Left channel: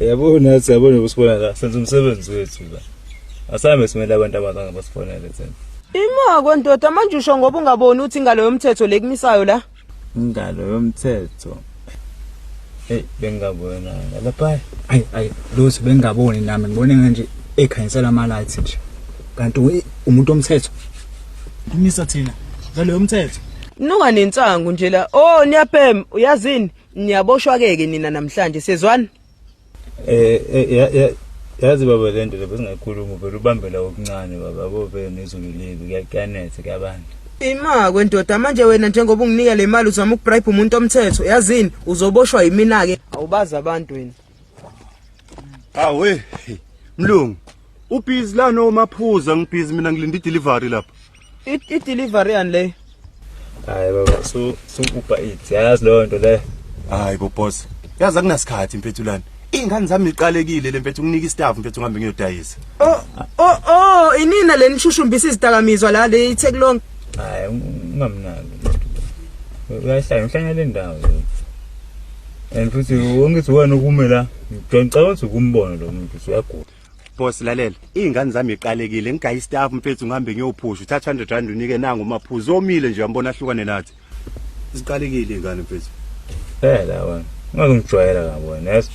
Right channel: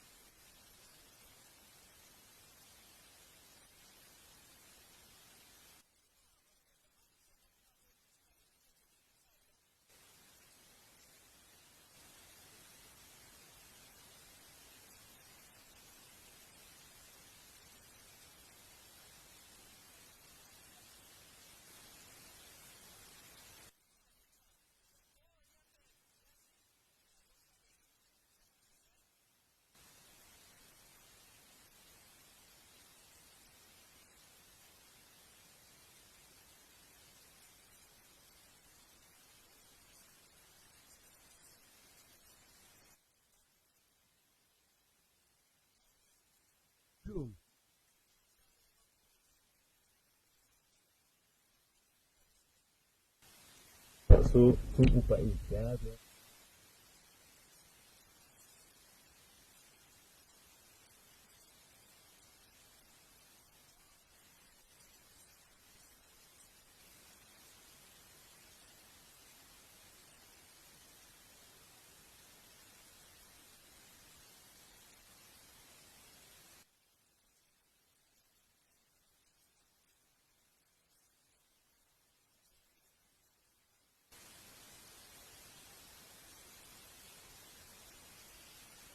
Yabo nathi yabona usibona la senze umsebenzi wethu la. Asame simele abantu abazange basifonele thina. Ima kwendoda manje usho ngoba ungaboni ukuthi ingalo yomthetho lekumisayo la. Ingalo yomthetho. Bengabona lapha. Ayi lutho bengaboni nami ngibone nje ekhanyisela ama lights nje. Kanti umuntu omthetho. Umisa thina ngalo yomthetho. Nuka nensangu nje la. Oh niyaphem uyazini niyaboshwa keke nina namhlanje sezwana. Yazi baba lento lebesingakhuluma vele ubambe la okuncane baba bobe nezululibi kuyanethe kabantu. Ima kwendoda manje wena njengoba unginika le mali uzama ukubribe umuntu omthetho yazini uzoboshwa yimina ke awubazi abantu wena. Awe mlungu ubhizi la nomaphuza ngibhizi mina ngilinda idelivery lapha. I-delivery yani le. Hayi baba so Uber Eats yazi leyo nto le. Hayi bo boss yazi akunasikhathi mphethulana ingane zami iqalekile le mfethu unginika istaff mfethu ngihambe ngiyodayisa. Inina le nishushumbisa izidakamizwa la le itake long. Hayi ungamnaki. Uyahlanya le ndawo. And futhi ungithi wena ukume la ngicela ukuthi ukumbona lo muntu uyagula. Boss lalela ingane zami iqalekile ngigayi istaff mfethu ngihambe ngiyophusha uthatha 100 rand unike nangu umaphuzu omile nje uyambona ahlukane nathi. Isiqalekile ingane mfethu. La wena ungazongijwayela kabona yazi